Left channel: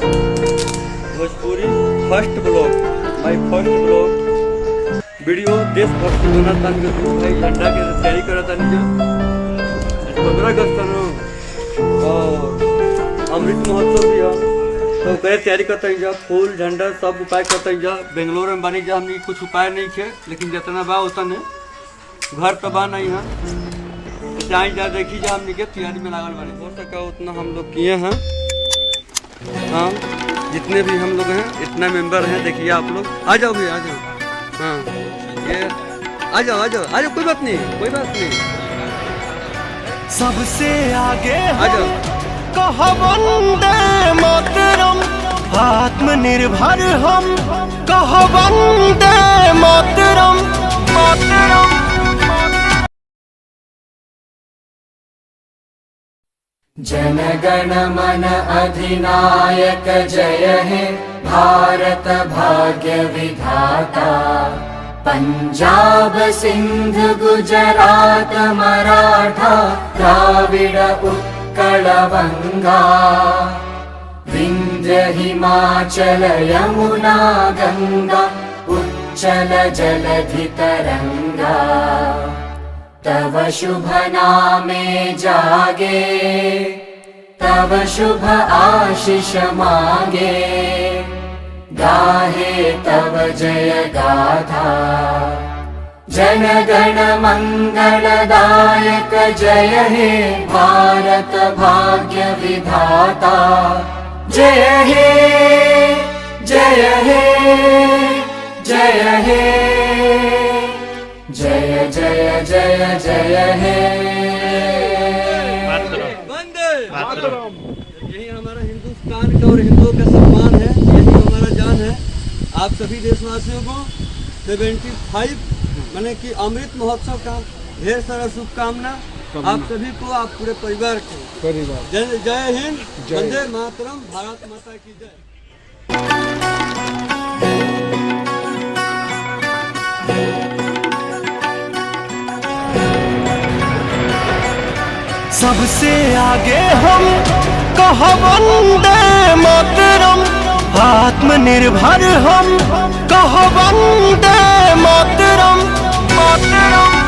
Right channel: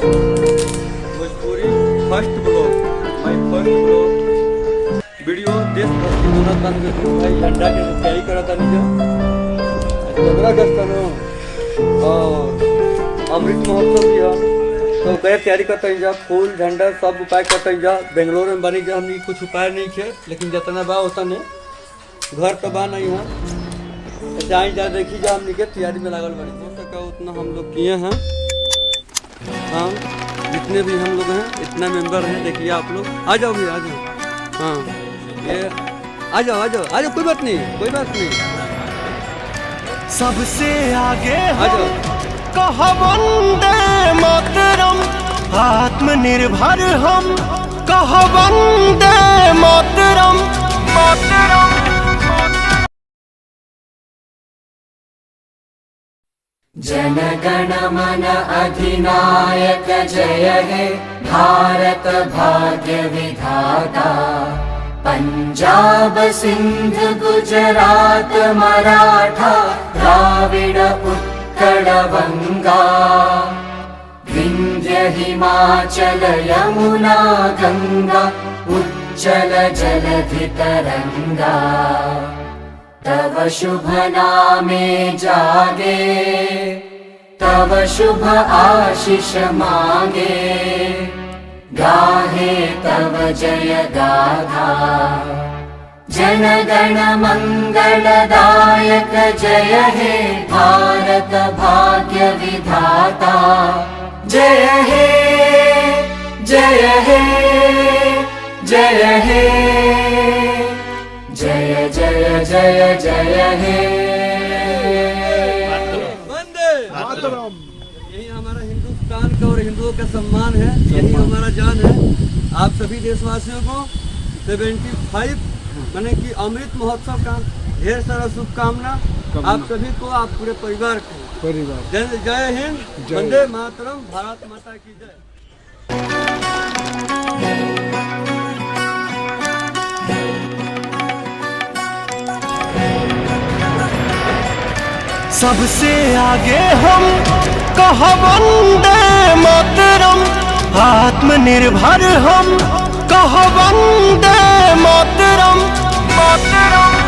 Bhojpuri first blog, माय first blog video देशभक्ति होना था भाई। झंडा के तैयारी करा था 15 अगस्त और अमृत महोत्सव भी है, तो करे तैयारी करते हैं जा। फूल झंडा सब उपाय करते हैं जा। बेंगलोर में बनी जा, हमने कुछ उपाय नहीं थे, लेकिन जितना बा उतना घर तो बा नहीं है। तो जाए जा देखी जा, हमने के तैयारी में लागल बनी। हो सका उतना हम लोग किए हैं। हाँ, जितने भी हम लोग हैं, इतना मेंबर हैं, देखिए आप लोग। आ जाओ भी, आ जाओ। हाँ, ये आ जाओ, आ जाओ, आ जाओ, कोई बात नहीं, कोई बात नहीं। सबसे आगे आ जाओ। कहा वंदे मातरम, आत्मनिर्भर हम कहा वंदे मातरम, मातरम। जन गण मन अधिनायक जय हे भारत भाग्य विधाता। पंजाब सिंध गुजरात मराठा द्राविड़ उत्कल बंगा। विंध्य हिमाचल यमुना गंगा उच्चल जलधि तरंगा। तव शुभ नामे जागे, तव शुभ आशीष मांगे। गाहे तव जय गाथा, जन गण मंगलदायक जय हे भारत भाग्य विधाता। जय हे, जय हे, जय हे, जय जय जय जय हे। वंदे मातरम। यही हमारा हिंदुस्तान का और हिंदुओं का सम्मान है, यही हमारा जान है। आप सभी देशवासियों को 75 माने कि अमृत महोत्सव का ढेर सारा शुभकामना। आप सभी को, आप पूरे परिवार को जय हिंद, वंदे मातरम, भारत माता की जय। सबसे आगे हम कहा वंदे मातरम, आत्मनिर्भर हम कहा वंदे मातरम, मातरम।